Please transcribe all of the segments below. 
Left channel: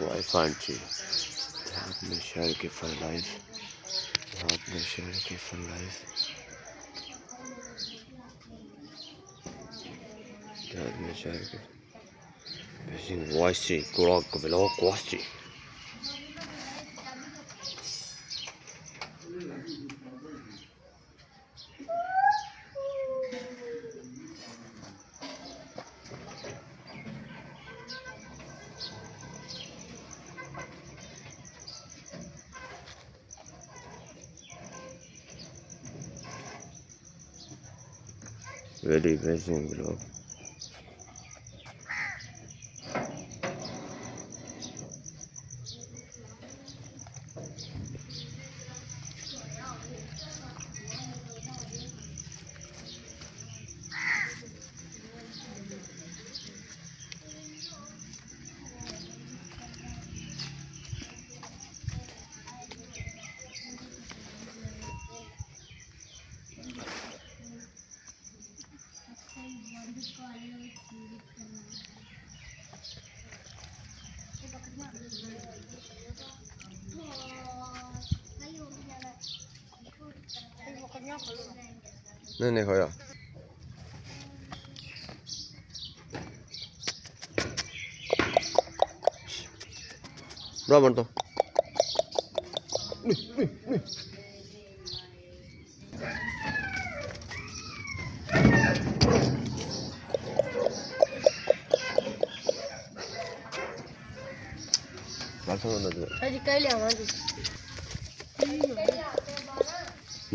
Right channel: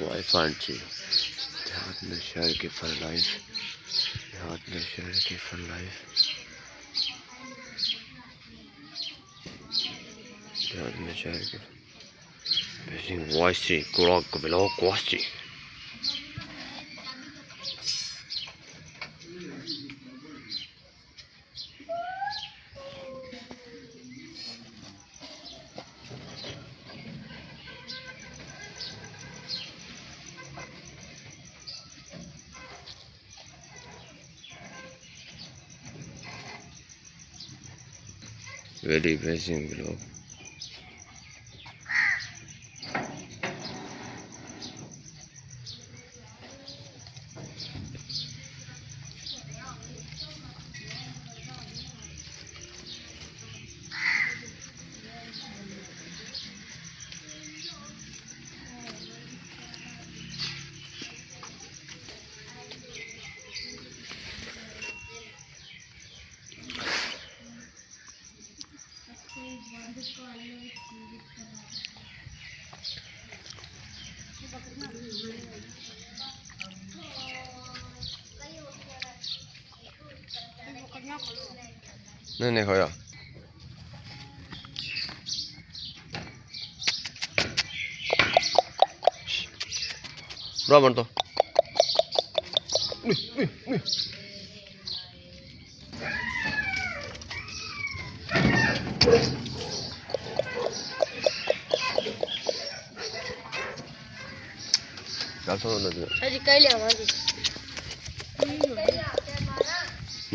Wife aunty देहात में शहर की फन लाइफ, देहात में शहर की फन लाइफ, देहात में शहर की बेसिंग वाइसी कुराक ब्लॉक वासी। Very amazing vlog. नहीं खाया बराबर तो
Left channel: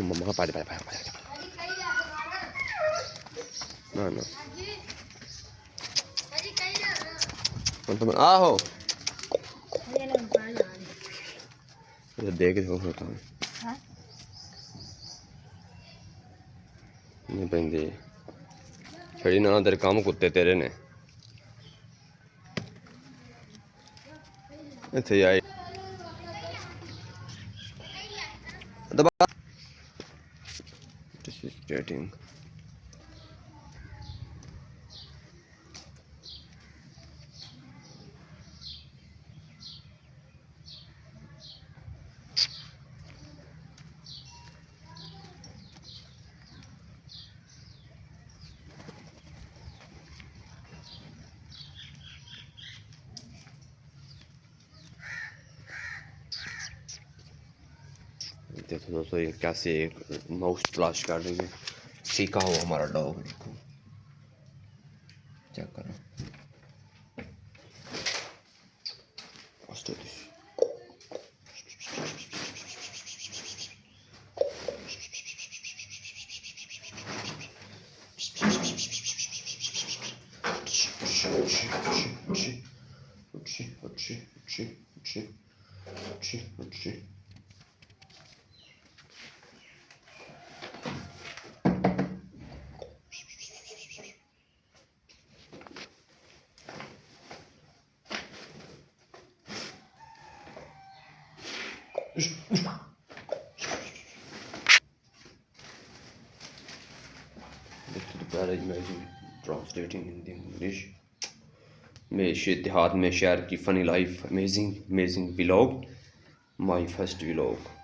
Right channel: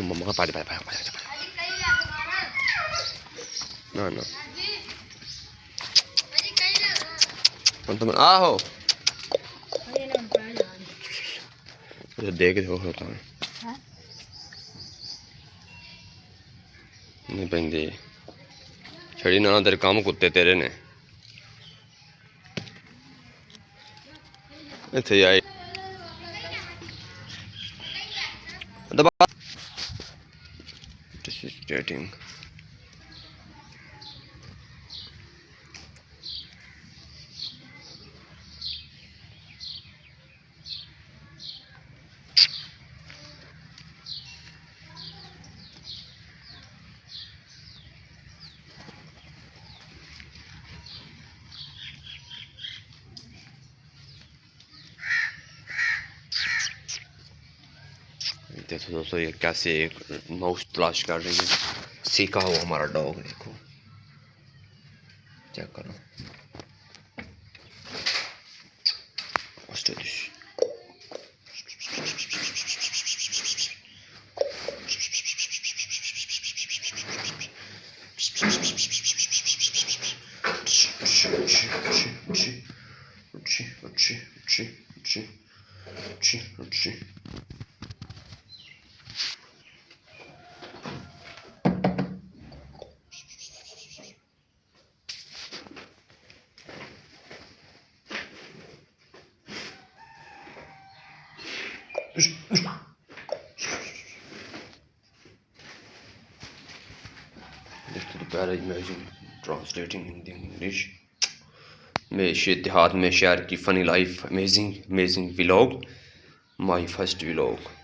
मम्मा का पानी ना ना तुम आहो देख होता है नहीं पेंदी छड़ी ना तेरे काम कुत्ते तेरे ने इत्थे आए dating. देखो दोस्तों ये कैसे एक माउस तलाश कर रही है, सीखा हुआ हमारा डॉग। देखो चेक करो imagine translating in English. देहात में शहर की funny life, amazing vlog, my first vlog.